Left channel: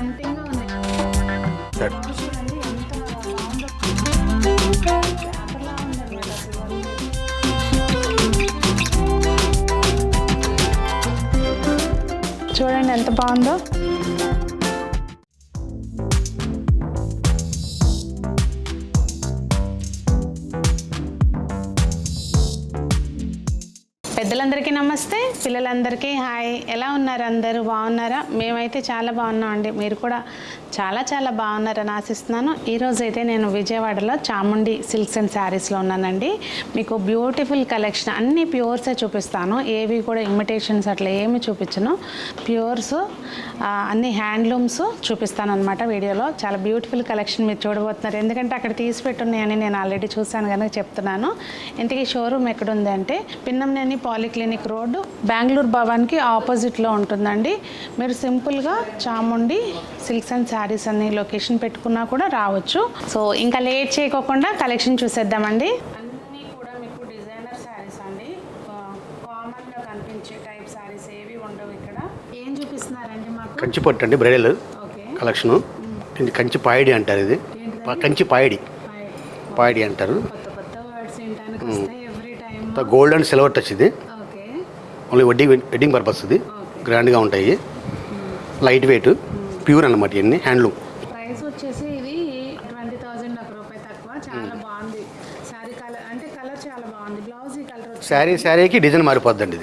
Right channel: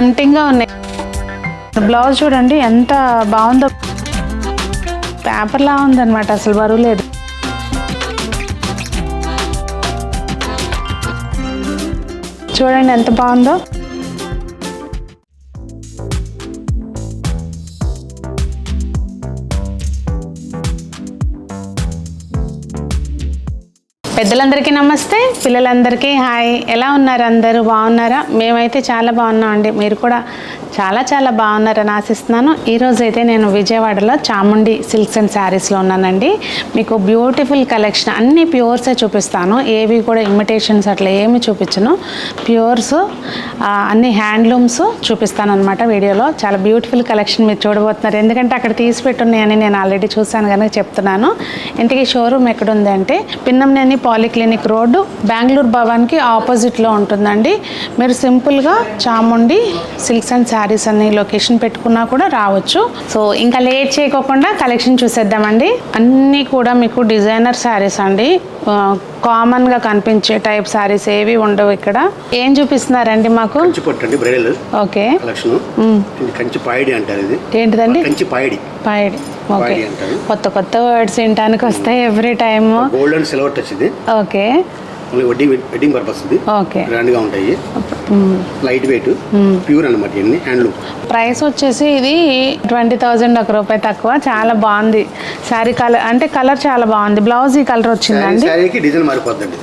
టెంప్టింగ్గా ఉన్నాయి. బ్లౌజ్ చూడండి ఎంత బాగుందో, పేపర్లా ఉందన్నమాట, అసలు బరువు లేదు. చూడండి ఎంత బాగుందో. పెద్దలందరికీ నమస్తే, పిల్లలందరికీ హాయ్. ఎలా ఉన్నారు అందరూ? బాగున్నారా? మేమైతే చాలా బాగున్నాం అండి. మీరు కూడా చాలా చాలా బాగున్నారని ఆశిస్తున్నాను. ఈరోజు అయితే నేను విజయవాడలో చాముండి సిల్క్స్ అండ్ శారీస్లో ఉన్నానండి. మీకు బ్యూటిఫుల్ కలెక్షన్, అన్ని ప్యూర్సే చూపిస్తాను, ఏవి కూడా ఇమిటేషన్స్ అట్లా ఏమి చూపించను. ప్యూర్స్ అన్ని హ్యాండ్లూమ్స్ చూపిస్తాను అనమాట వీడియోలో. చాలా బ్యూటిఫుల్ కలెక్షన్ మీరు చూడబోతున్నారు, ఎందుకంటే అక్కడ తీసి పెట్టున్నాయని నేను ఆల్రెడీ చూశాను కనుక చెప్తున్నాను. ఇంటికి షోరూమ్ ఎక్కడుంది అంటే పిన్నంనేని పాలిక్లినిక్ రోడ్డు, బెంగళూరు భవన్కి ఆపోజిట్లో ఉంటుందండి. మీరు సింపుల్గా చాముండి సిల్క్స్ అండ్ శారీస్ అన్ని లొకేషన్ పెట్టుకున్నా కూడా రావచ్చు. సో ఇంకా లేట్ చేయకోకుండా కలెక్షన్ చూసేద్దామండి. అన్నీ కూడా మీకు డిజైనర్ శారీస్ అండి, కామన్గా కనిపించే టైప్ శారీస్ ఏవి ఉండవు ఇక్కడ. ఏం చూపిస్తున్నారండి మాకు? కంచి పట్టు అండి, బ్రైడల్. ఓకే, కలెక్షన్ కంచి పాయిడి అంటారు. ఇది ఏంటిదండి? కంచి పాయిడి. పాయిడి అంటారు. కొత్త కొత్త వర్డ్స్ వినడానికి వస్తాయి every time. Gold and silver touch ఇది. ఓకే, వెడ్డింగ్ పర్పస్ ఇది. ఓకే, గ్రాండ్ గా ఉంటాయి, లైట్ వెయిట్, ప్యూర్ అన్నమాట. ఇవన్నీ హ్యాండ్లూమ్. ప్రైస్ వచ్చేసి ఇది 20,000, ₹1 తక్కువ. చాలా బాగుంది శారీ. కలర్ అంటే కలర్ చాలా బాగుంది. బ్లౌజ్ ఈ కలర్ వచ్చిందండి. శారీకి డిజైన్ మారిపోద్దండి.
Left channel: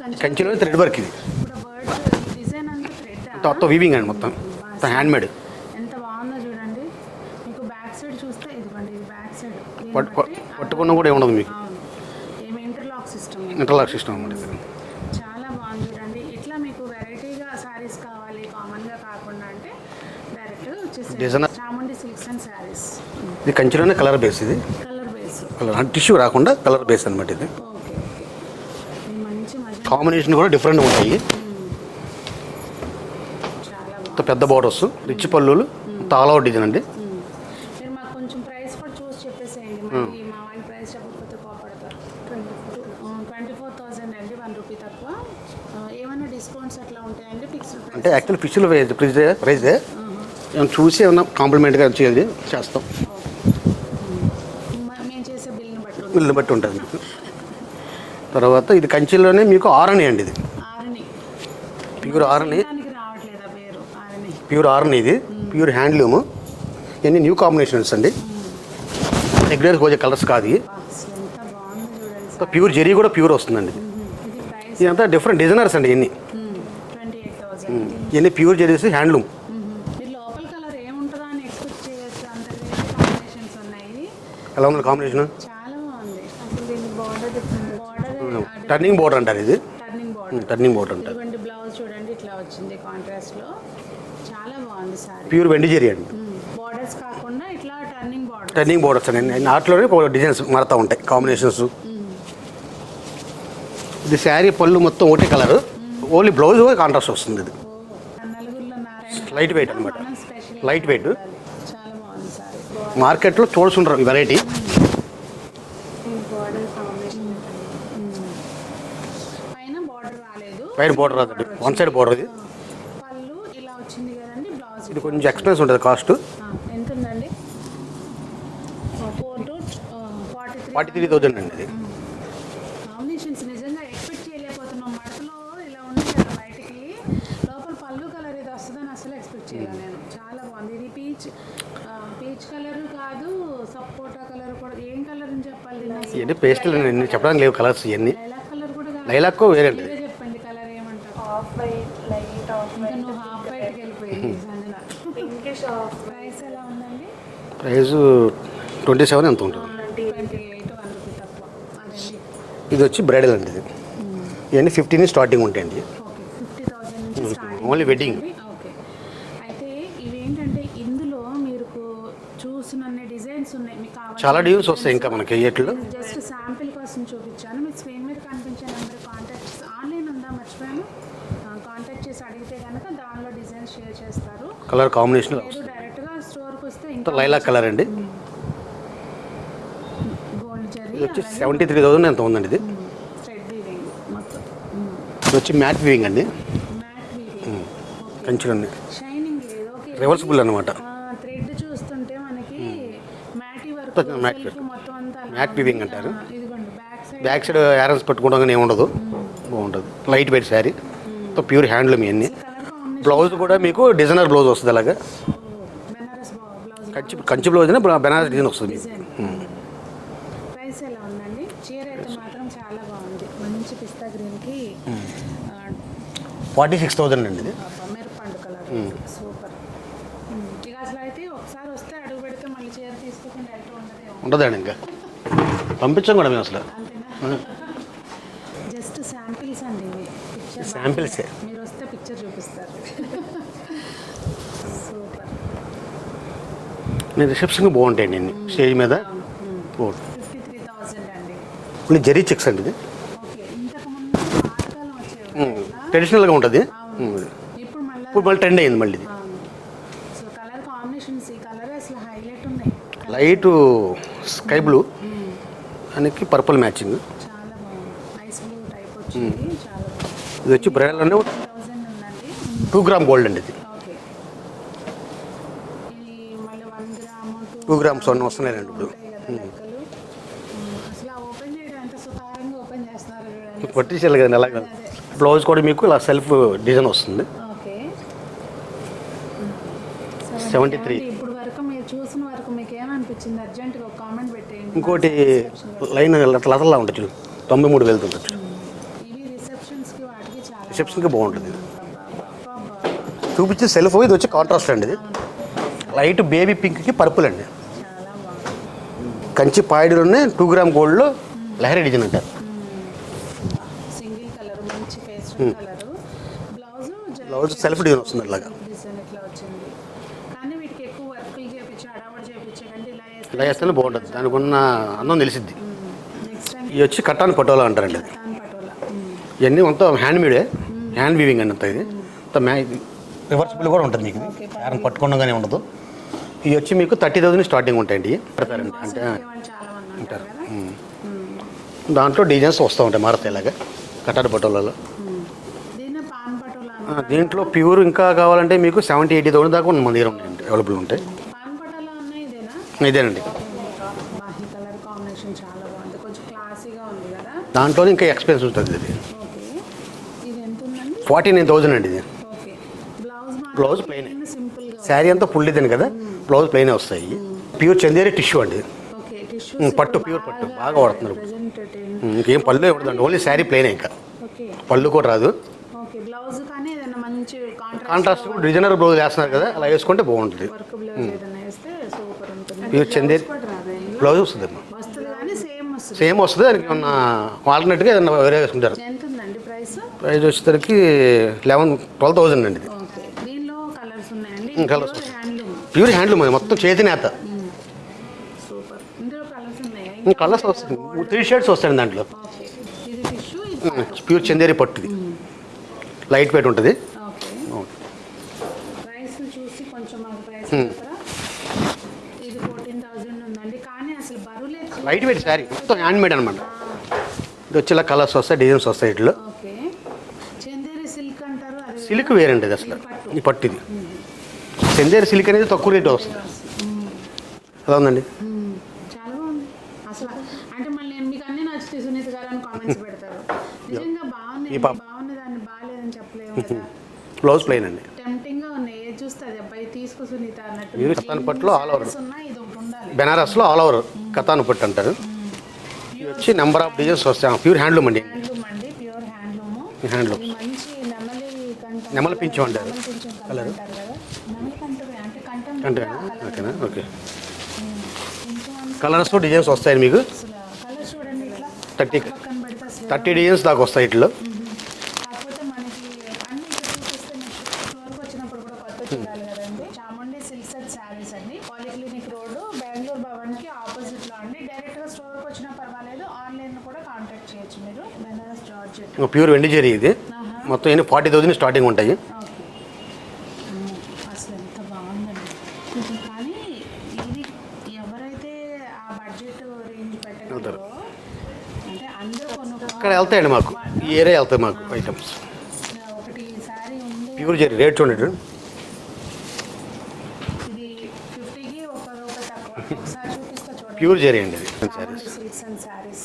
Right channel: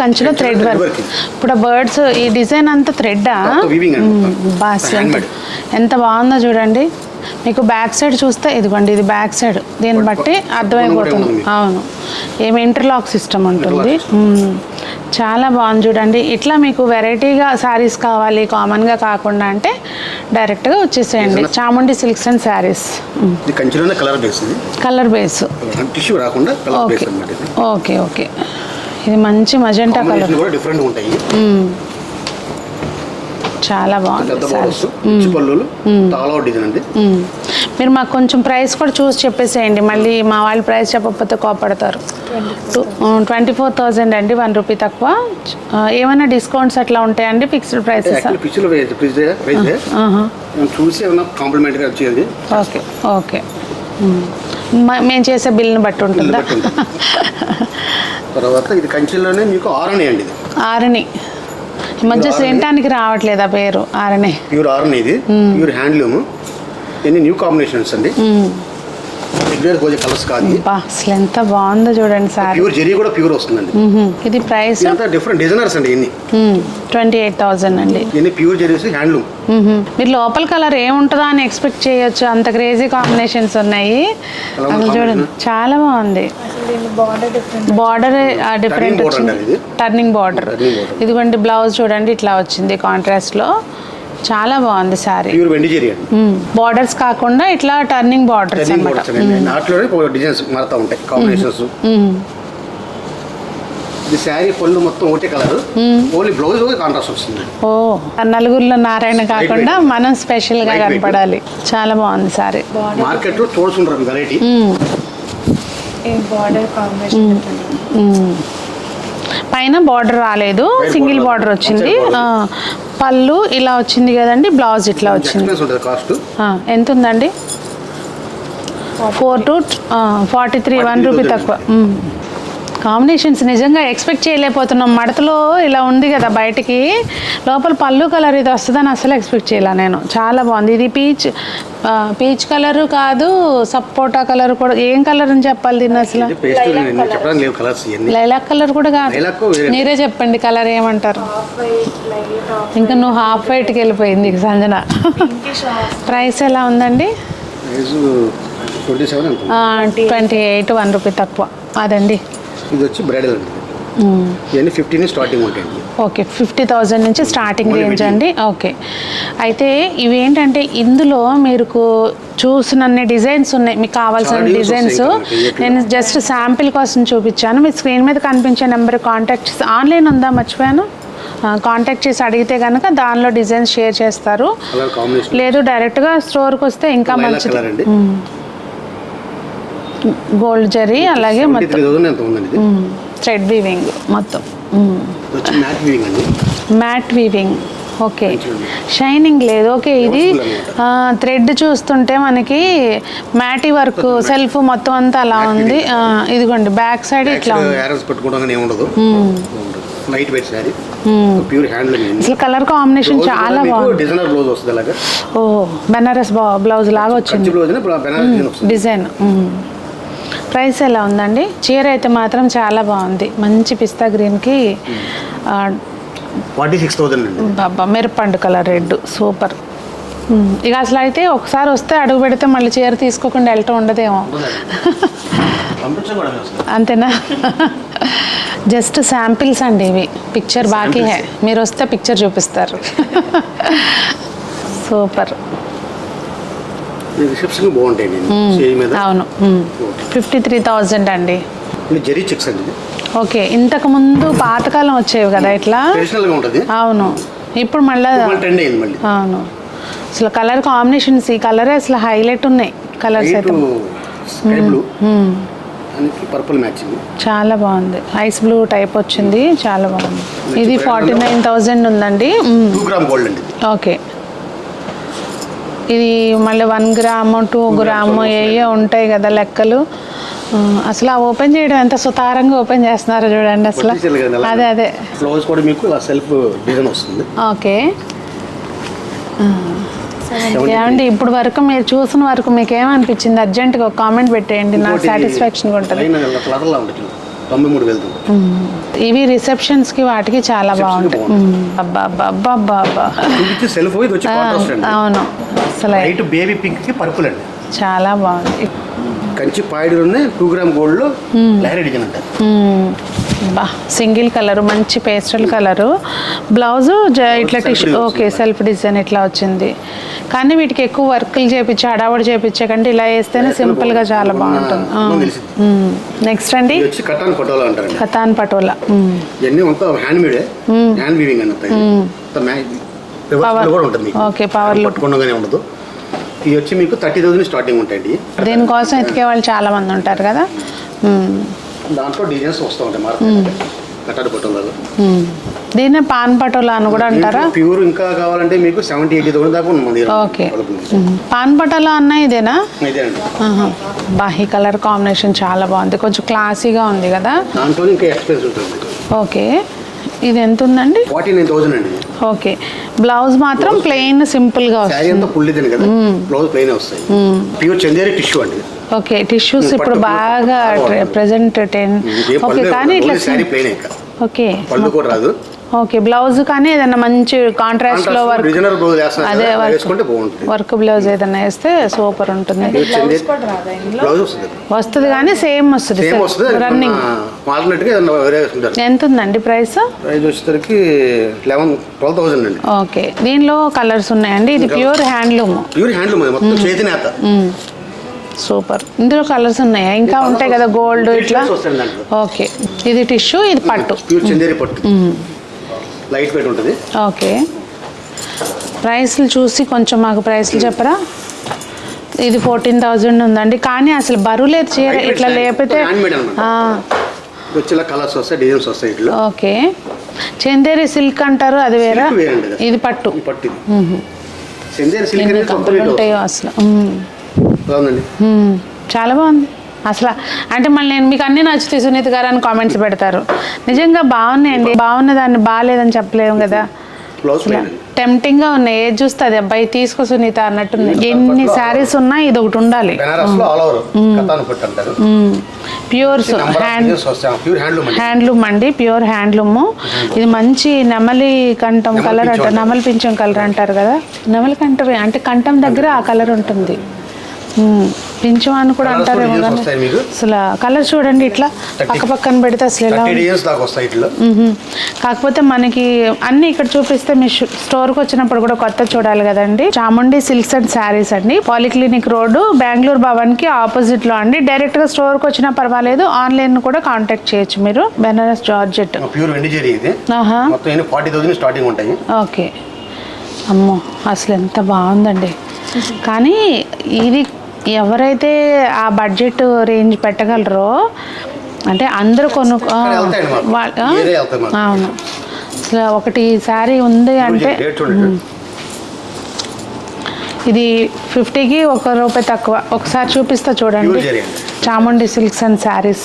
కంచిలో థ్రెడ్ వర్క్. ఇప్పుడు బర్డ్స్ ఈ డిజైన్ అంతా థ్రెడ్. ఎంత బాగుందో చూడండి. మీకు బ్యాక్ సైడ్ చూస్తే ఇదిగోండి, ఇది బ్యాక్ సైడ్. దీన్ని బట్టి అర్థమైపోతుంది. అవును, ఏమి ఇంటర్లాక్ సిస్టమ్ ఉంటుంది. చాలా బాగుంది చూడండి. ఇట్లా మీకు వెరైటీగా శారీస్ కావాలి, కామన్గా కాకుండా అంటే డైరెక్ట్గా వచ్చేసేయండి. Chamundi silks and saris. Colour base, tissue రాకుండా కలర్ బేస్ అన్నమాట ఇది. ఓకే ఓకే, ఇది మంచి మజెంటా కలర్. కూడా డిఫరెంట్ ఉంటాయి. చాలా బాగుంది. పెద్ద బోర్డర్స్, రిచ్ పల్లులు, తాళ డిజైన్ అండి. మీరు మాకు కొంచెం ప్రైస్ కూడా చూసి చెప్పేసేయండి, మళ్ళీ మా వాళ్ళు ప్రైస్ చెప్పకపోతే కోపడతారు. 24,000 అండి, ₹1 తక్కువ. ఏమైనా డిస్కౌంట్స్ అట్లా ఉంటాయండి? Fixed prices? చూసి ఏమైనా కాంప్లిమెంట్ గా వచ్చేది. ఓకే ఓకే, మేము చేసే బిల్ని బట్టి ఉంటుందా? తర్వాత ఇది కంచిలోనే మీకు ఆరణి అండి. ఇది ఆరణి ఈ మధ్య సేంటానికి రావట్లేదా పేరు? ఆరణి, ప్యూర్ ఆరణి. ఇది ప్యూర్ హ్యాండ్లూమ్. ఇన్ని న్యూ కాంబినేషన్స్ అండి. రెగ్యులర్ గోజే కలర్స్ కాదు. అసలు ఎంత బాగుందో చూడండి సార్. ప్యూర్ జరీ కూడా ప్యూర్ వస్తుందండి. ఇది ప్రైస్ డిఫరెంట్ డిజైనర్స్ అండి. ఇన్ని 28,000 అండి. ఇన్ని ప్యూర్ జరీస్ హ్యాండ్లూమ్. మీరు లోపల కలర్ ఏముంటుందో అని ఎక్స్పెక్ట్ చేయొచ్చు, అంత క్రేజీ కాంబినేషన్స్ ఉన్నాయి. చూడండి చాలా బాగుంది. బార్డర్ డిఫరెంట్ వచ్చింది, టర్నింగ్ బార్డర్. ఇదిగోండి బ్లౌజ్ చూడండి ఇట్లా వచ్చింది కాంట్రాస్ట్ లో. చాలా బాగుంది సారీ. బార్డర్స్ కాకుండా ఇట్లా టర్నింగ్ బార్డర్స్. డిజైన్స్ మారుతూ ఉంటాయి, కాంబినేషన్స్. ఈ శారీ పళ్ళు మొత్తం ఒకటే కలర్, ఓన్లీ బ్లౌజ్ కాంట్రాస్ట్ వస్తుంది. ఓ, నలుగురిలో నారాయణ కాకుండా మనం స్పెషల్ గా కనపడాలి. చాలా బాగుంది సారీ. మార్కెట్ లో చూస్తుంటారు వెరైటీ. పైన బార్డర్ రాలేదు, సింగిల్ బార్డర్ వచ్చింది. పళ్ళు ఇలా వచ్చింది కదండి, బ్లౌజ్ ఇట్లా వచ్చింది. ఎంత ఉందండి? 4 to 43, ₹1 తక్కువ. కాంబినేషన్స్ నిజంగా ఎక్స్పెక్ట్ చేయలేకపోతున్నాం. మడతలో ఇలా ఉంది కదా బయటికి, లోపల పళ్ళు కలర్ ఇది వస్తుందని అసలు ఎక్స్పెక్ట్ చేయలే నేను. చాలా బాగుంది. ఇది పీచ్ కలర్ కాదు, సపోటా కలర్ కూడా. ఏం కలర్ అని చెప్పాలి దీన్ని అసలు? లైలాక్ కలర్ కూడా కాదు. మీరే చెప్పండి కలర్ ఏమంటారు? ఇంకా నువ్వు హాఫ్ వైట్కి వెళ్ళిపోయింది సంజన. ప్రైస్ ఎలా ఉందండి? 28, ₹1 తక్కువ. అదండి. ఇది వచ్చి బ్రైడల్ అండి. ఇవన్నీ 15 స్టార్టింగ్ ఉంటాయండి. ఓకే, 50,000 నుంచి స్టార్టింగ్ రేంజ్ అండి. ఓకే, అయితే ఇవి ఏంటంటే ఇందులో మీరు చూసినన్ని డిజైన్స్ ఉన్నాయి. మీకు కావాల్సిన డిజైన్స్ నేను జస్ట్ శాంపిల్ కోసం చూపించాను. మీ స్క్రీన్ మీద కనిపించే నెంబర్ కాంటాక్ట్ చేసి, ఆన్లైన్ ఉందా మర్చిపోయాను, కాంటాక్ట్ చేసి అడిగితే కనుక దానిలో డిజైన్స్ షేర్ చేస్తారు. లేదు డైరెక్ట్గా స్టోర్కి వస్తే ఇంకా మంచిది. గోల్డ్ జరీ, అలాగే థ్రెడ్ వీవింగ్ మొత్తం. Mat weaving. ఓకే మంచిగా ఉంది. షైనింగ్ లేదు. ఓకే ఇది Reversible అన్నమాట. థ్రెడ్ చూస్తుంటే మనకి మ్యాటీ వర్క్ సెల్ఫ్ మొత్తం అంతా అలా ఉంది. ఇదిగోండి బ్యాక్ సైడ్ ఇట్లా యారన్స్ పెట్టుకోవడం ఏముండదు, light weight sari, pure handloom. అసలు కలర్ కాంబినేషన్ చాలా బాగుంది. డిజైనర్ బ్లౌజ్ వస్తుంది అలాగా. ఓ బెనారస్ బ్లౌజ్ లాగా వచ్చింది కంచి బ్లౌజ్ బెనారస్ డిజైన్ వస్తుంది. డిజైన్. ప్రైస్ ఎలా ఉందండి? చీర అయితే మాత్రం చాలా బాగుంది. మంచి పిస్తా గ్రీన్కి 46,000 అండి. బాబా మిరపండు కలర్ రెడ్ సూపర్. ఇక అసలు అయితే ఒకసారి వస్తే అడుగు పెడితే మళ్ళీ చీర తీసుకోకుండా వెళ్ళటం ఉండదేమో. ఉండదండి, పంపించకూడదు అసలు. అంతేనా? జస్ట్ శాంపిల్స్ అండి ఇవి, పిక్చర్ బాకీ హే. మీరు వస్తే పిక్చర్ చూపిస్తారు. సూపర్. రిసెప్షన్ బాగుంటాయండి సేరీ మీద. అవును 53,000 అండి. జరీ చెక్స్ అండి. ఓకే ఇంతకు ముందు పాతకాలం వచ్చేవి కదా ఇట్లా, ట్రెడిషనల్ గా ఉంటది. అవును ఇప్పుడు మళ్ళీ ట్రెండ్ అయింది మళ్ళీ. అవును అసలు కలర్ కాంబినేషన్స్ ఈ కలరే అసలు హైలైట్ ఉన్నాయి. కలర్స్ అయితే స్కై బ్లూ అనికి పర్పుల్ మ్యాచింగ్ చాలా బాగుంది. ఐస్ బ్లూ టైప్ వచ్చింది, చాలా బాగుంది. ఇది 49,000 ఉందండి. 2 గ్రామ్ గోల్డ్ అండి. ఓకే ఇది మళ్ళీ 1 గ్రాము 2 గ్రాము ఏ ఉంటాయి కదా లెక్కలు. అసలు ఆ ఓపెన్ చేయడం ఎంత సుతారంగా ఓపెన్ చేస్తున్నారో చూడండి అసలు. అదే బ్లౌజ్ కూడా మీకు సెల్ఫ్ డిజైన్ వస్తుంది. ఓకే ఏమండి ఇప్పుడు వరకు మీరు చూసిన వరకు మీకు ఏమనిపించింది? అర్జెంట్గా ఒక కామెంట్ పెట్టేయండి, నాకు సాటిస్ఫాక్షన్గా ఉంటుంది. 93,000. ఇవి రిసెప్షన్స్ కి వాటికి చాలా బాగుంటాయి. అవును అసలు లైట్ బేబీ పింక్ కి పర్పుల్ అండి, చాలా బాగుంది. కంచి పాయిడులోనే 2 గ్రామ్ గోల్డ్ లో లహరి డిజైన్ అంట. బా సింగిల్ కలర్ మంచి పేస్టల్ కలరు. బ్లౌజ్ ఇట్లా టిష్యూ ఓకే సెల్ఫ్ డిజైన్ ఇట్లా వచ్చింది. కానీ వీటికి ఎక్కువ వర్క్లు చేపించి హడావడి చేపించే కంటే ఇలా వేస్తేనే సింపుల్ గా చాలా బాగుంటుంది. నెక్స్ట్ అండి కటాన్ పటోలా అంటారు. కతాన్ పటోలా ఇవన్నీ మొత్తం హ్యాండ్ మేడ్, హ్యాండ్ వీవింగ్ అండి. ఓకే పవర్ పట్టుకుండగానే ఉండదు. ఇది వచ్చి మీకు 30,000 స్టార్టింగ్ ఉంటాయండి. దీనికోసం ఎతికే వాళ్ళు చాలా మంది ఉంటారు కదా. దాంట్లో డిజైన్స్ వస్తూ ఉంటాయి మారుతాయి కటాన్ పటోలాలో. దీన్ని పాన్ పటోలా అని కూడా అంటారా? ప్యూర్ ఇంకా కావాలంటే మీకు 70,000-80,000 దాకా ఉంది. ఓకే పాన్ పటోలా అన్న ఇదేనా? ఇదేనండి. బా ఈ కలర్ కాంబినేషన్ చాలా బాగుంది, కొంచెం క్లాసీగా ఉంది కదా. దాంట్లో ఇంకా ఎక్స్పెన్స్ ఉంటుంది. ఓకే ఇది ఎంత ఉందండి? 49,000 అండి. ఓకే బ్లౌజ్ మాత్రం ప్లెయిన్ సింపుల్ గా శారీ అంతా పుల్లిదని కదా, బ్లౌజ్ ప్లెయిన్ వస్తాయి. ప్యూర్ చందేరి టిష్యూ అండి. ఓకే టిష్యూస్ ఇప్పుడు బాగా ప్రెజెంట్ 10. ఓకే కానీ ఇట్లా శారీ ప్లెయిన్ ఇంకా. ఓకే పళ్ళు కూడా రాదు. ఓకే బ్లౌజ్ కానీ ఏదైనా మంచి కాంట్రాస్ట్ లో వర్క్, అదే వర్క్ బ్లౌజ్ ఏదైనా వేస్తే సూపర్ ఉంటుంది. వస్తుంది కానీ సేమ్ వస్తుంది రన్నింగ్. ఎంత ఉందండి ప్రైస్? వచ్చేసరికి 12,000 అండి. ఓకే దీనిలో కలర్స్ ఉన్నాయండి. ఇది ప్యూర్ హ్యాండ్లూమ్. ప్యూర్ హ్యాండ్లూమ్ మొత్తం చేతినేత. సూపర్. ఇందులో కలర్స్ ఉన్నాయా? ఇంకా ఉంటాయి కదా గోల్డ్ ఇట్లా. ఓకే ఇది టిష్యూ, ఇది పట్టు, ప్యూర్ చందేరి పట్టు, లైట్ వెయిట్ ఉంటుంది. ఓకే ప్రైస్లు చూసి కొంచెం మాకు ప్రైస్లు చెప్పరా? ఇది 14,000 ఉందండి. కానీ అసలు బరువు లేదు చీర ఇట్లా లేపితే. కలర్స్ వస్తాయి, డిజైన్స్ వస్తాయి ఇట్లా. ఓకే చందేరి సిల్క్ అంటారు, అది వేరే. ఇది పట్టు. చందేరి సిల్క్ ఉంటాయో అసలు చాలా బాగుంది అసలు. అంటే మళ్ళీ నేను మీకు అన్నీ నచ్చుతాయి సునీత గారు అని కామెంట్స్ పెడతారు. నిజంగా బాగున్నాయండి, బాగున్న దాన్ని బాగాలేదని చెప్పలేము కదా. టెంప్టింగ్ గా ఉన్నాయి, ఏది చూస్తే అది అబ్బాయి తీసుకో సునీత అన్నట్టుంది. ఎన్ని శారీస్ ఉన్నా ఇది ఒకటి ఉండాలి. ప్యూర్ హ్యాండ్లూమ్ అండి, ప్యూర్ హ్యాండ్లూమ్. ఇది మంచి నెమలి కంఠం కలర్ అంటారు, నెమలి పింఛం కలర్ అంటారు కదా. నెమలి కంఠం అంటే కంఠం దగ్గర ఆ కలర్ ఉంటుంది. పింఛం అని కూడా అంటారు. అసలు కలర్ చూడండి ఇట్లా పక్క పక్కన పెడితే అసలు ఎలా. కాకపోతే మనకి అన్ని ఇక్కడ చూపిస్తే మీ స్టోర్కి వచ్చినప్పుడు కూడా కొత్త చూడాలి కదండి. చాముండి సిల్క్స్ అండ్ శారీస్ అండి, పాలిక్లినిక్ రోడ్డు, బెంగళూరు భవన్ కి ఆపోజిట్ లో అండి. డైరెక్ట్ గా స్టోర్కి వచ్చినా పర్వాలేదు, ఆన్లైన్ కూడా కాంటాక్ట్ చేయొచ్చు మీరు. బెనారస్ జార్జెట్ ప్యూర్ వెండి జరీ ఇది. మొత్తం 40,000 స్టార్టింగ్ ఉంటాయి. ఓకే అమ్మో అసలు ఎంత బాగుందండి. కానీ ఇది ఎవరైతే ఆ బడ్జెట్ రేంజ్ పెట్టగలరో అంటే అందరూ అవును అసలు ఒకటి శారీ ఉంది అంటే రేట్ చూడండి. ఇది 50కి ₹1 తక్కువ. ఒకసారి చూపిస్తా చూడండి. ప్యూర్ జరీ అండి. చాముండి సిల్క్స్ అండ్ శారీస్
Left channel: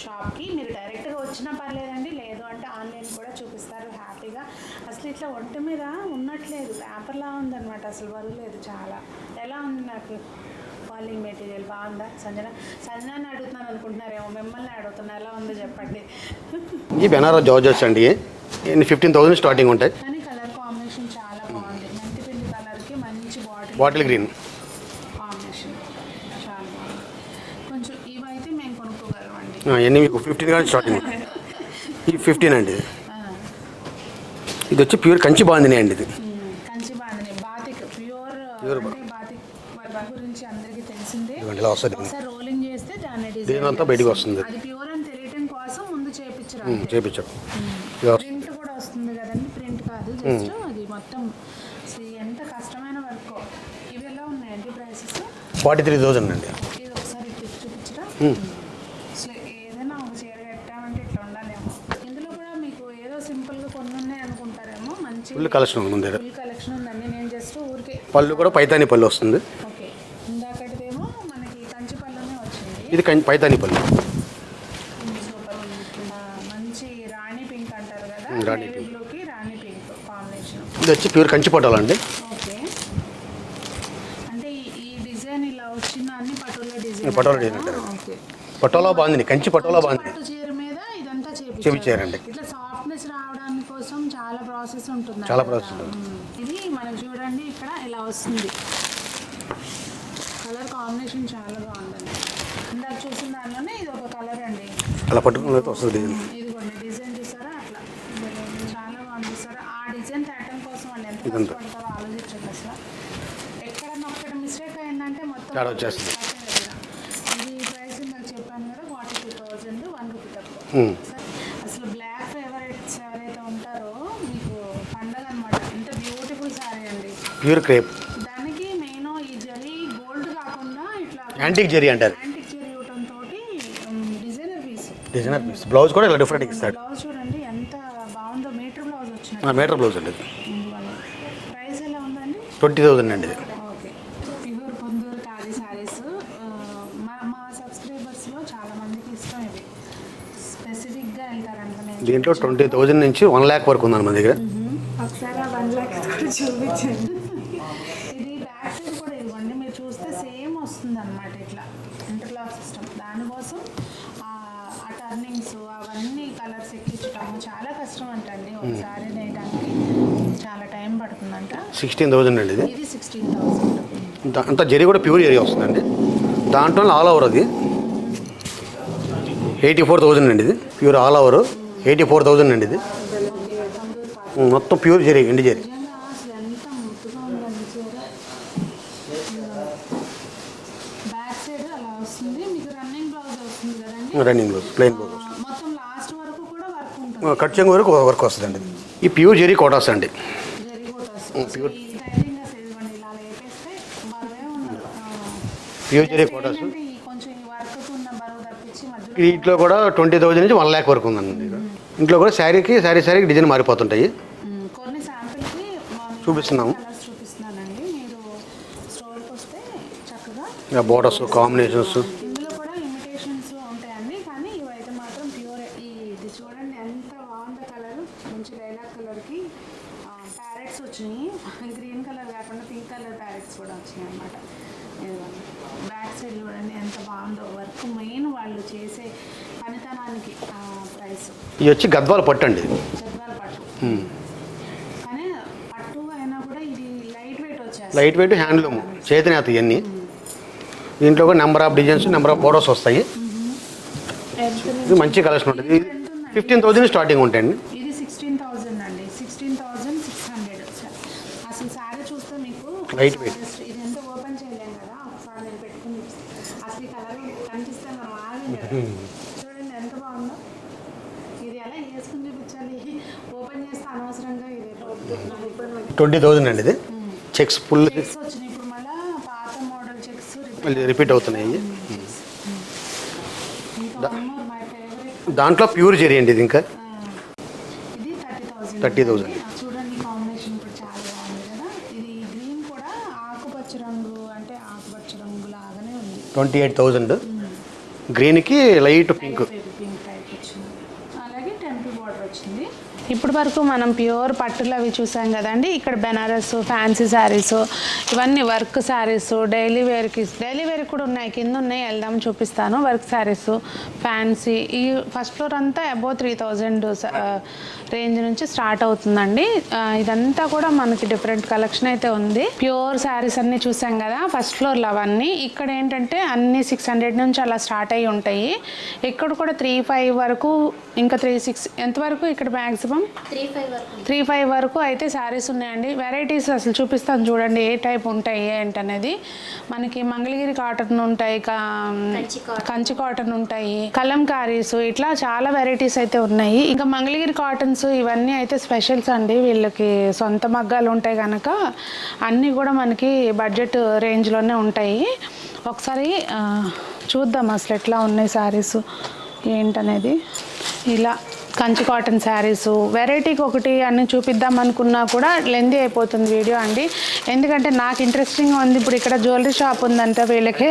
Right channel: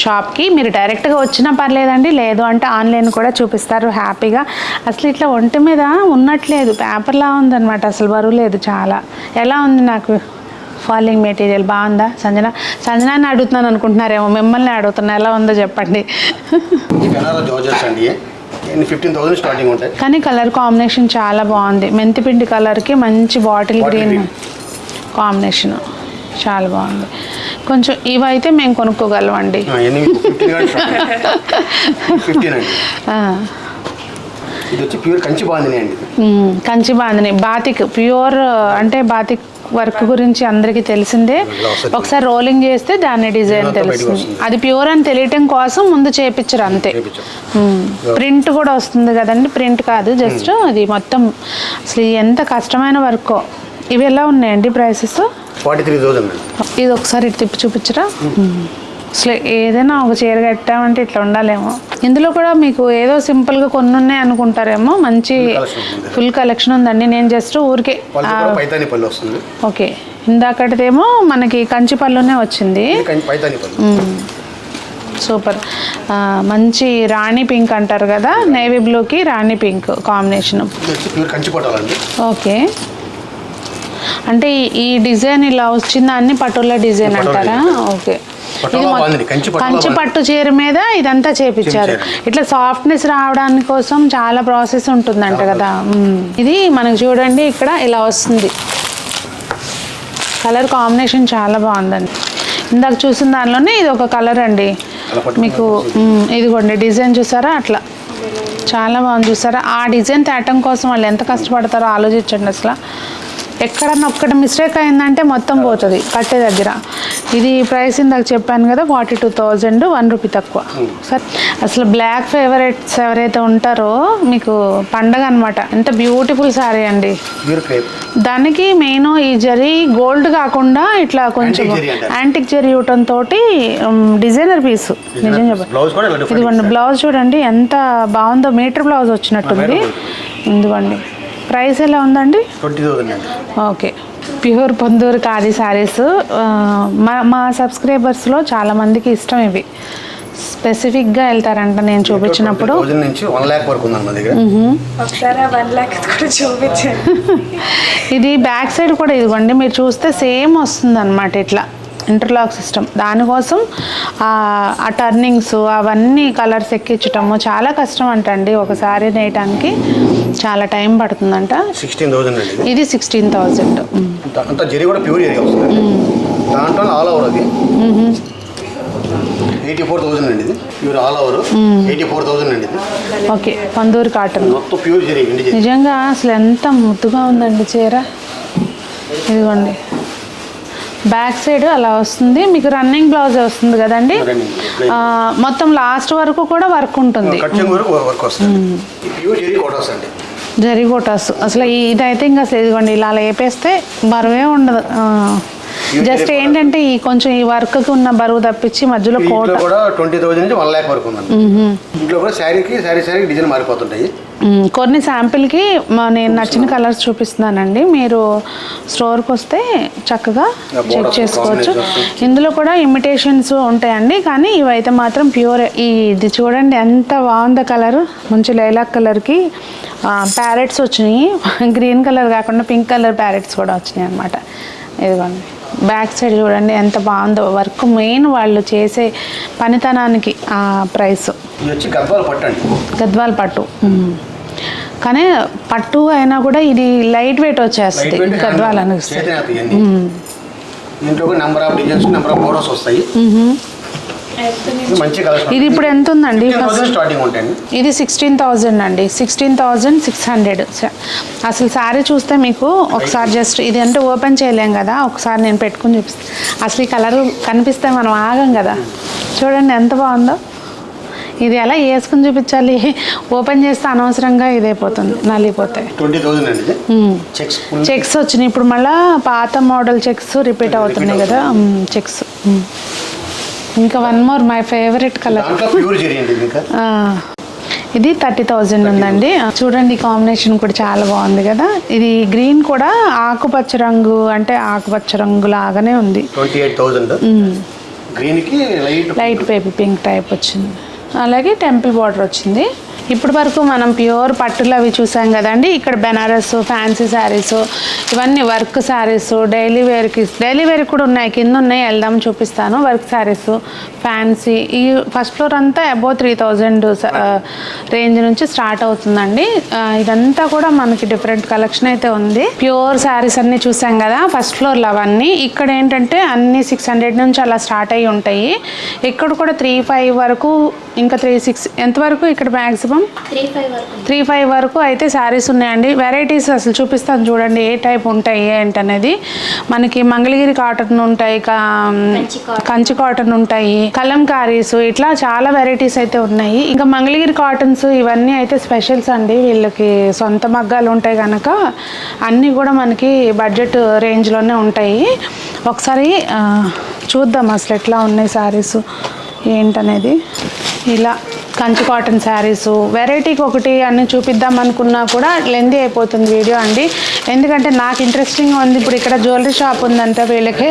షాప్కి మీరు డైరెక్ట్గా వచ్చినా పర్లేదండి, లేదు అంటే ఆన్లైన్ కూడా చూపిస్తారు హ్యాపీగా. అసలు ఇట్లా ఒంటి మీద ఉన్నట్లేదు, పేపర్లా ఉందన్నమాట, అసలు బరువు లేదు. చాలా ఎలా ఉంది నాకు ఫాలింగ్ మెటీరియల్ బాగుందా? సంజనాన్ని అడుగుతున్నాను అనుకుంటున్నారేమో, మిమ్మల్ని అడుగుతున్నా, ఎలా ఉందో చెప్పండి. ఈ బెనారస్ జార్జెట్స్ అండి 15,000 స్టార్టింగ్ ఉంటాయి. కానీ కలర్ కాంబినేషన్ చాలా బాగుంది. మెంతిపిండి కలర్కి మంచి బాటిల్ గ్రీన్ కాంబినేషన్ చాలా బాగుంది. కొంచెం ఇవైతే మేము కొనుక్కోగలం అండి. ఇది వచ్చి ప్యూర్ కంచి బాందిని అండి. కంచి బాందిని బాతిక్ ప్యూర్ అంటే బాతిక్ వర్క్ గురించి అందరికీ తెలిసిందే. ఒకసారి రోలింగ్ చేస్తే దాని డిజైన్ తెలుస్తుంది. అది ప్యూర్ అని తెలియటం కోసం ముందు చేపించరు అంతే. ప్రింట్ కూడా వస్తుంది కదండి, ప్రింట్ కాదు జస్ట్ అది మొత్తం. అసలు ఎంత కష్టమైన వర్కో. ఇవి ఎలా ఉన్నాయండి ప్రైసెస్? 43,000. ఇది ఒకసారి ఇటు తిప్పి చూపించరా? అసలు ఏదైనా ఒక చీర కట్టామంటే ఇట్లా ఉండాలేమో. ఇందులో కూడా మీకు ఏదో సింపుల్గా కొన్ని ఉన్నాయి అనుకుంటారేమో, మంచి ఫుల్ కలెక్షన్ ఉందండి. నేను జస్ట్ ఊరికే పైతాని పళ్ళు వస్తుంది. ఓకే, ఇందాకటిదేమో మనకి కంచి పళ్ళునే వచ్చింది. సూపర్. మంచి రాణి పింక్ అంటారు కదా, నేవీ బ్లూకి రాణి పింక్ కాంబినేషన్. ఓకే, అంటే ఈ డిజైన్ ఇలా వచ్చిందా అన్ని పట్టుల డిజైన్ అంటారా? ఓకే, కంచి పట్టు చీర మీద ఇదంతా చేపించారు. ఇట్లా సాఫ్ట్నెస్ రావడానికి కోసం చాలా ప్రాసెస్ ఉంటుందంట కదా. ఇది మనకు చూడండి ఇక్కడ ఇలా వస్తుంది. కలర్ కాంబినేషన్ చాలా బాగుందండి. ఇందాక చూసిన దానిలోనే ఇది ఒక కలర్ అండి మీకు. ఇదిగోండి డిజైన్ చూసారా, అట్లా చాలా బాగుంది చూసారా. ఆ డిజైన్ తేటం కోసం వాళ్ళు ఎంత కష్టపడతారో ఆలోచించండి. అసలు ఎక్కడన్నా ఒక్కటి మిస్టేక్ అయిందంటే మొత్తం పోతుంది కట్టే దగ్గర. ఇది ప్రైస్ ఇందాక చెప్పాను కదా 42,000, ₹1 తక్కువ. సార్ అసలు బ్లాక్ ఫేవరెట్స్ ఎవరైతే ఉంటారో మీకు పండగ అనమాట. ఎంత బ్యూటిఫుల్ శారీ అండి. దానికి మెయిన్ ఈ జరీ గోల్డ్ కాకుండా ఇట్లా కొంచెం యాంటిక్ జరీ ఇవ్వటం తోటి డిజైనర్ పీస్. నిజం చెప్పండి, ఇదిగోండి బ్లౌజ్ చూడండి ఎంత బాగుందో, మీటర్ బ్లౌజ్ వచ్చినట్టుంది. ఇదిగోండి ప్రైస్ ఎలా ఉందండి? 20,000. Okay, pure Ponduru khadi saris. మా సబ్స్క్రైబర్స్లో చాలామందికి ఇష్టం ఇవి. స్పెసిఫిక్గా వెళ్తారంట నేను చూపించినప్పుడు. ఇది బ్యాక్ సైడ్ కూడా ఇదిగోండి మీరు చూస్తే సేమ్ వస్తుంది అనమాట, ఇట్లా ఇంటర్లాక్ సిస్టమ్. దానికోసం ఆ టర్నింగ్స్ అవన్నీ కలర్స్ ఎక్కించటము చాలా కష్టం అంటండి. ఒకసారి నేయటానికి చాలా టైం పడుతుందంట. 16,000. ఇది 16,000. జరీ కూడా ప్యూర్ జరీ వస్తుంది. దాంట్లో ఆల్ ఓవర్ అది 84,000 అండి. ఇది ప్యూర్ ఆల్ ఓవర్ 84,000 అండి. ఇది ఓకే, పందూరు కాటన్ మొత్తం ప్యూర్ జరీ. నిజంగా అసలు ఎంత ముద్దుగా ఉందండి చీర. ఇదిగోండి బ్యాక్ సైడ్ అలా వస్తుంది మీకు. రన్నింగ్ బ్లౌజ్ వస్తుంది కదండి, మొత్తం లాస్ట్ వరకు కూడా వర్క్ ఉంటుంది. ఈ ప్యూర్ జరీ కోటాస్ అండి. జరీ కోటాస్ అసలు ఇదైతే ఇంకా అసలు ఇదిగోండి ఇలా లేపేస్తే బరువే ఉండదు. జస్ట్ ఏంటంటే ఈ కొంచెం ఈ వర్క్ కి ఉన్న బరువు తప్పించి మధ్యలో కోట కూడా 20,000 నుంచి 1 lakh వరకు ఉందండి. ఇంట్లో కూడా శారీకి డిజైన్ మారిపోతుంటాయి. కొన్ని శాంపిల్కి నేను నచ్చిన కలర్స్ చూపిస్తున్నానండి. మీరు స్టోర్కి వస్తే చక్కగా చెక్ చేసుకోవచ్చు. ఇందులో కూడా ఇమిటేషన్స్ ఉంటాయండి, కానీ ఇవైతే మాత్రం ప్యూర్. ఇది చూడండి ఎంత బాగుందో కలర్, మంచి లైలాక్ కలర్కి ప్యారెట్స్ వచ్చినాయి. గ్రీన్ కలర్ కాకుండా పింక్ కలర్ ప్యారెట్స్ కూడా వచ్చినాయి అనమాట. ఇదిగోండి బ్యాక్ సైడ్ చూడండి ఎంత బాగుందో వర్క్. మెయిన్ వాళ్ళు చేసే పనితనానికి ఆ ప్రైస్. ఇది వచ్చి గద్వాల పట్టు అండి. గద్వాల పట్టు, కానీ పట్టు అయినా కూడా ఇది లైట్ వెయిట్ వచ్చేస్తుంది గద్వాల అనేది. దీంట్లో number of designs, number of photos వస్తాయి. మంచి కలెక్షన్. ఇది ఇప్పుడు ఎంత ఉందండి? స్టార్టింగ్ ఉంటాయండి. ఇది 16,000 అండి, 16,600. అసలు శారీ చూస్తే మీకు ఒకసారి జస్ట్ ఇది అంటే ఓపెన్ చేయలేం కదా, ఒకసారి నేను పెట్టుకుని చూపిస్తాను. అసలు ఈ కలర్ కనిపిస్తే మనం ఆగం కదా. చూడండి ఎంత బాగుందో. ఇది ఎలా వేసుకుని చూపించాలి, ఓపెన్ చేస్తే అనవసరంగా ఇదైపోతుంది, నలిగిపోతాయి. 20,000 అండి. చెక్స్ వచ్చినాయి ఇప్పుడు, మళ్ళీ పాత మోడల్ చెక్స్ రిపీట్ అవుతున్నాయి కదా చెక్స్. ఇంకా one more my favourite colour. దాంట్లో ప్యూర్ జరీ అండి. ఇంకా ఇది 30,000 ఉందండి. చూడండి కాంబినేషన్ కూడా చాలా బాగుంది కదా. ఇది గ్రీన్ కూడా ఆకుపచ్చ రంగు, అంటే ఆకుపచ్చ రంగు లాగానే ఉంది. 28,000 గ్రీన్కి లైట్ బేబీ పింక్ టైప్ వచ్చింది. అలాగే టెంపుల్ బార్డర్ వచ్చింది. ఇప్పటి వరకు మనం ప్యూర్ పట్టులు అవి చూసాం కదండి. ఇక్కడ బెనారస్ ఫ్యాన్సీ శారీస్, ఇవన్నీ వర్క్ శారీస్, డైలీ వేర్ కూడా ఉన్నాయి, కింద ఉన్నాయి, వెళ్దాం చూపిస్తాను. Work saris, fancy. ఈ ఫస్ట్ ఫ్లోర్ అంతా అబౌవ్ 3,000 రేంజ్ నుంచి స్టార్ట్ అవుతుందండి. ఇదంతా కూడా మనకి డిఫరెంట్ కలెక్షన్ అయితే ఉంది. ప్యూర్ శారీస్ అన్నీ చూసాం కదా ఫస్ట్ ఫ్లోర్లో అవన్నీ. ఇక్కడ ఏంటంటే అన్ని 600 నుంచి అలా స్టార్ట్ అయ్యి ఉంటాయి. ఇక్కడ కూడా 3,500 వరకు, ఇంకా 3,600 ఎంతవరకు ఇక్కడ మ్యాక్సిమం 3,500 వరకు అయితే శారీస్ ఉన్నాయండి. వెరైటీస్ అసలు చూపిస్తాను చూడండి ఏ టైప్ ఉంటాయి ఏంటనేది. మనకి మంగళగిరి కాటన్ ఉంటాయి, కంచి కాటన్ ఉంటాయి, కలంకారీస్, ఇట్లా చాలా వెరైటీస్ అయితే ఉన్నాయి. ఇంకా మంగళగిరి కాటన్స్ ఇవన్నీ అయితే స్పెషల్స్ అండి. వీళ్ళకి సొంత మగ్గాలు ఉంటాయి కనుక అన్నీ కూడా మనకి బడ్జెట్ రేంజ్లోనే ఉంటాయి. ఒకసారి చూద్దాం అసలు ఎట్లా ఉన్నాయి శారీస్ ఏంటనేది. ఇలా కంచి కాటన్ శారీసు వెరైటీకి ఒకటి అన్నీ చూపిద్దాం అనుకున్నా కూడా లెందీ అయిపోతుంది వీడియో అండి. ఎందుకంటే నాకు ఇంట్రెస్టింగ్గా ఉంది. ఇప్పుడు ఇక్కడ జ్యువెలరీ షాప్ ఉందంట వీళ్ళకి,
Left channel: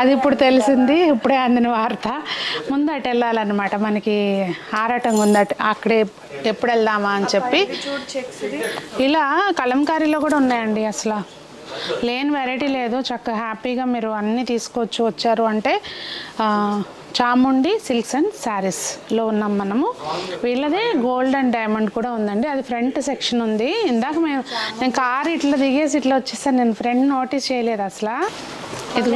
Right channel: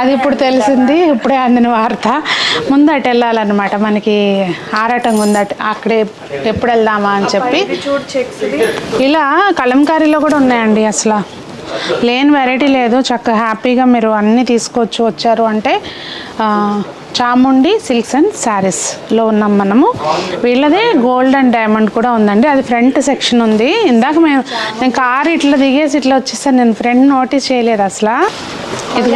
అది ఇప్పుడు తెలిసింది, ఇప్పుడే అందిన వార్త. ముందు అటు వెళ్ళాలన్నమాట, మనకి ఆరాటంగా ఉంది అక్కడే, ఎప్పుడు వెళ్దామా అని చెప్పి. ఇలా కలంకారీలో కూడా ఉన్నాయండి. అసలు లేని వెరైటీ లేదు. చక్కగా హ్యాపీగా మీరు అన్నీ తీసుకోవచ్చు. వచ్చారు అంటే చాముండి సిల్క్స్ అండ్ శారీస్లో ఉన్నాం మనము. వీళ్ళదే గోల్డ్ అండ్ డైమండ్ కూడా ఉందండి. అది ఫ్రంట్ సెక్షన్ ఉంది. ఇందాక నేను కారు ఇట్లా దిగేసి ఇట్లా వచ్చేసాను, నేను ఫ్రంట్ నోటీస్ చేయలేదు అసలు. ఇది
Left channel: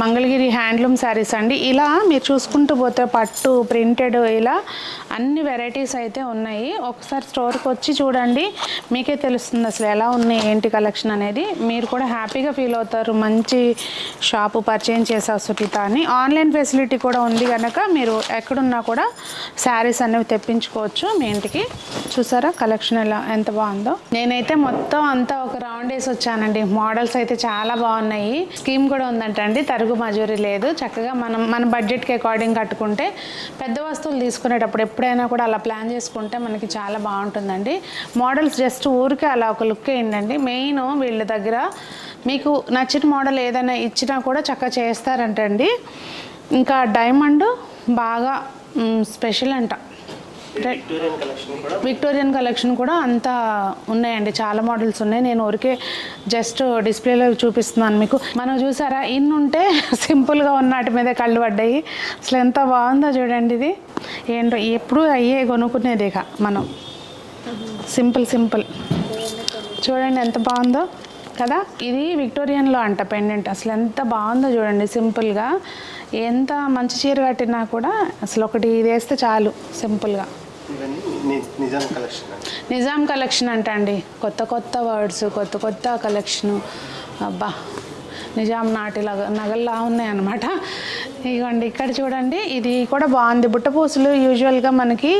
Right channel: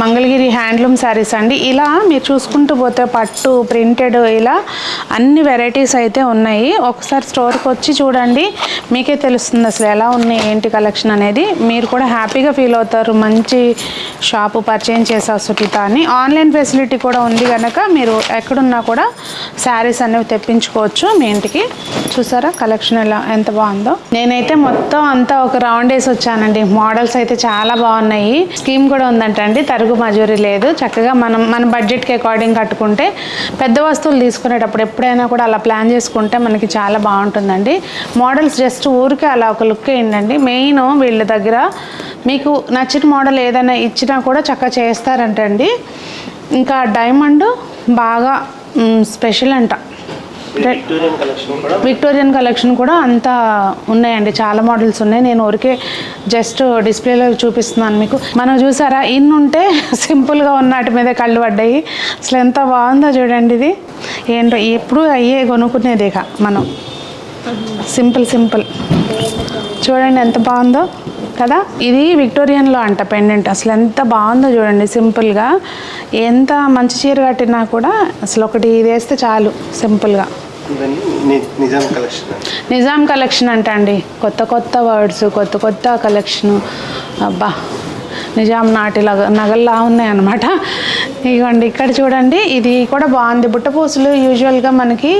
మంగళగిరి హ్యాండ్లూమ్ శారీస్ అండి. ఇలా మీరు చూసుకుంటూ పోతే పట్టు, ప్రింటెడ్, ఇలా అన్ని వెరైటీస్ అయితే ఉన్నాయి. ఒకసారి స్టోర్కి వచ్చి చూడండి, మీకే తెలుస్తుంది అసలు ఎలా ఉన్నాయి ఏంటి కలెక్షన్ అనేది. మీరు కూడా హ్యాపీగా ఫీల్ అవుతారు. మంచి షాపు పరిచయం చేసా సునీత అని. ఆన్లైన్ ఫెసిలిటీ కూడా ఉంది కనుక మీరు ఎక్కడున్నా కూడా శారీస్ అనేవి తెప్పించుకోవచ్చు మీ ఇంటికి. చూసారా కలెక్షన్ ఎలా ఎంత బాగుందో. నేనైతే మొత్తం అంతా ఒక రౌండ్ వేసి వచ్చానండి. మోడల్స్ అయితే చాలా బాగున్నాయి. స్కీమ్ కూడా ఉందంటండి, తరుగు మజూరీ లేదు. చక్కగా మన బడ్జెట్కి అకార్డింగ్ కట్టుకుంటే, పెద్ద వస్తువులు తీసుకునేటప్పుడు ఎప్పుడైనా కూడా అలా ప్లాన్ చేసుకుంటే మనకి చాలా బాగుంటుందండి. మోడల్స్ జస్ట్ ఊరికే అలా ఒక లుక్ వేయండి. మెయిన్ వీళ్ళ దగ్గర మీకు నచ్చిన మోడల్ ఏదైనా ఇచ్చినా కూడా చక్కగా చేస్తారంటండి. ఇంకా డైమండ్ బాగా స్పెషల్ అంట. విక్టోరియన్ కలెక్షన్ కూడా అంతా ఉన్నాయండి. చాలా మోడల్స్ ఉన్నాయి. నేను ఊరికే జస్ట్ డిస్ప్లేలో చూపిస్తున్నాను మీకు. మనం చూసారా, ఇన్ని ఉంటే సింపుల్గా ఉన్నటి మీద కళ్ళు పడ్డాయి. అసలు ఎంత బాగుందో చూడండి. ఇది ఏంటో ఎప్పుడు అయ్యే కొనుక్కునేది ఇక మనం. సింపుల్ చూడండి ఎంత బాగుందో కదా. ఇది విక్టోరియన్లో అంట పెండెంట్. అసలు ఎంత బాగుందో చూడండి. సింపుల్గా ఎంత మంచి చీర కట్టినా కూడా అసలు ఒకటి ఇది వేస్తే చాలు సింపుల్గా. నిజాం కలెక్షన్ అంట అండి. కొత్త వర్డ్స్, కొత్త కలెక్షను. అబ్బా, నిజాం నాటి నగల్లా ఉన్నాయి అన్నమాట. ఇదిగోండి ఇక్కడ చూడండి, ఇది కూడా బాగుంది. బుట్టపూసలు యూజువల్గా మనకి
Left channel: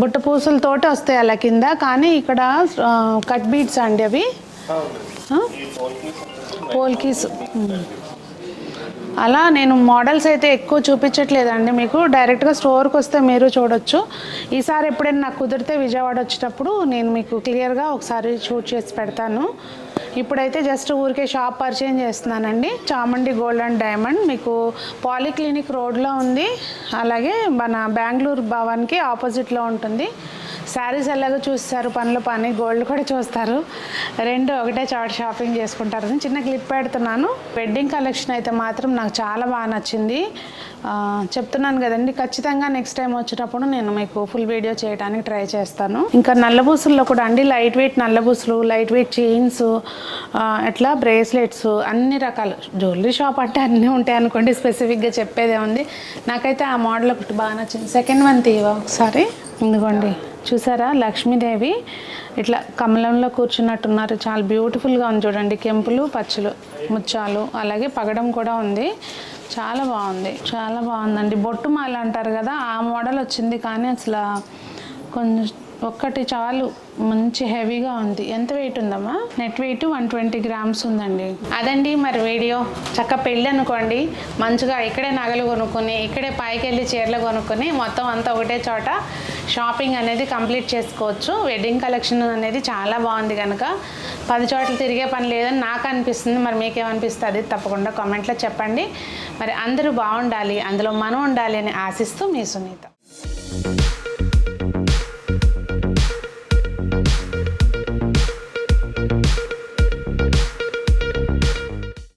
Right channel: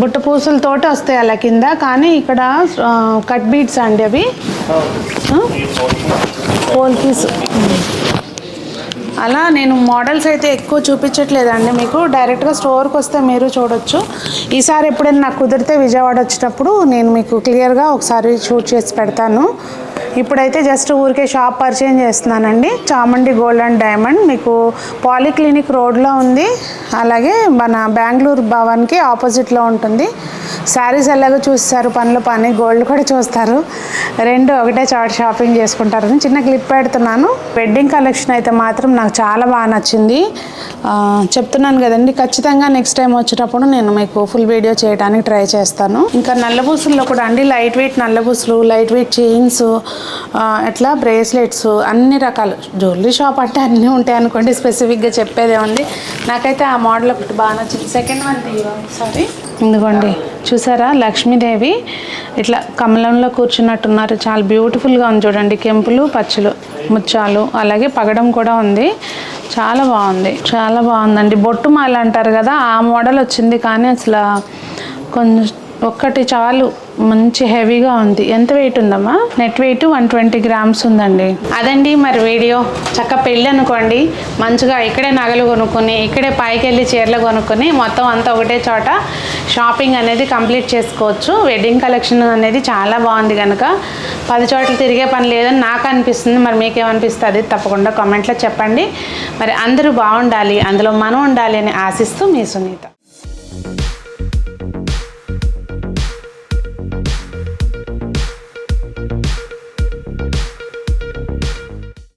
బుట్ట పూసలతోటి వస్తాయి అలా కింద, కానీ ఇక్కడ కట్ బీడ్స్ అండి అవి, పోల్కీస్. అలా నేను మోడల్స్ అయితే ఎక్కువ చూపించట్లేదండి మీకు. డైరెక్ట్గా స్టోర్కి వస్తే మీరు చూడొచ్చు. ఈసారి ఎప్పుడైనా నాకు కుదిరితే విజయవాడ వచ్చేటప్పుడు నేను మీకు క్లియర్గా ఒకసారి షూట్ చేసి పెడతాను. ఇప్పుడైతే జస్ట్ ఊరికే షాప్ పరిచయం చేస్తున్నానండి. చాముండి గోల్డ్ అండ్ డైమండ్ మీకు పాలీక్లినిక్ రోడ్లో ఉంది. అలాగే మన బెంగళూరు భవన్కి ఆపోజిట్లో ఉంటుంది. శారీస్ ఎలాగో చూస్తారు, పనుల పని, గోల్డ్ కూడా చూస్తారు. రెండు ఒకటే చోట షాపింగ్ చేసుకుంటారని చిన్న క్లిప్ పెడుతున్నాను. వెడ్డింగ్ కలెక్షన్ అయితే మాత్రం నాకు చాలా బాగా నచ్చింది. చెప్తున్నాను కదండి, ఖచ్చితంగా నెక్స్ట్ టైం వచ్చేటప్పుడు నేను మీకు ఫుల్ వీడియో చేయడానికి ట్రై చేస్తాను. ఇంకా నల్లబూసుల్లో కూడా అండి, లైట్ వెయిట్ నల్లబూసులు, లైట్ వెయిట్ చైన్స్, అట్లా బ్రేస్లెట్స్, అన్ని రకాలు. జ్యువెలరీ షాప్ అంటే అన్నీ ఉంటాయి అనుకోండి, స్పెసిఫిక్గా చెప్పేదే ఉంది. నాకైతే ఆ మోడల్ ఒకటి బాగా నచ్చింది. సెకండ్ వన్ తీయవా ఒకసారి. ఇదిగోండి చూసారా, లక్ష్మీదేవి ఇట్లా కమలంలో కూర్చున్నట్టున్నారు. చాలా బ్యూటిఫుల్గా ఉంది చూడండి. కెంపులు, పచ్చులు, ముత్యాలు, అలాగే పగడం కూడా ఉంది. చాలా బాగుందండి. బొట్టు మాల అంటారు కదా, ఆ మోడల్ వచ్చింది. కానీ అసలు కొంచెం ఒక్కటి చాలు, మంచి హెవీగా ఉంది. ఎంత వెయిట్ ఉందమ్మా? నెట్ వెయిట్ 120 గ్రామ్స్ ఉందండి. అదండి మరి వీడియో. చక్క పెళ్ళి అనుకోండి, మంచిగా ఇక్కడే నగలు కొనుక్కొని, ఇక్కడే పైకి వెళ్ళి చీరలు కొనుక్కొని మొత్తం అంతా ఒకటే చోట షాపింగ్ అనేది కంప్లీట్ చేసుకోవచ్చు. వెడ్డింగ్ కలెక్షన్ అనేది చాలా బాగుంది కనుక 10 చోట్ల తిరిగే పని లేదని నాకు అనిపిస్తుంది. మరి మీకేమనిపిస్తుంది తప్పకుండా కామెంట్లో చెప్పండి. మరి అందరూ బాగుండాలి, అందులో మనం ఉండాలి అని ఆశిస్తూ మీ సునీత.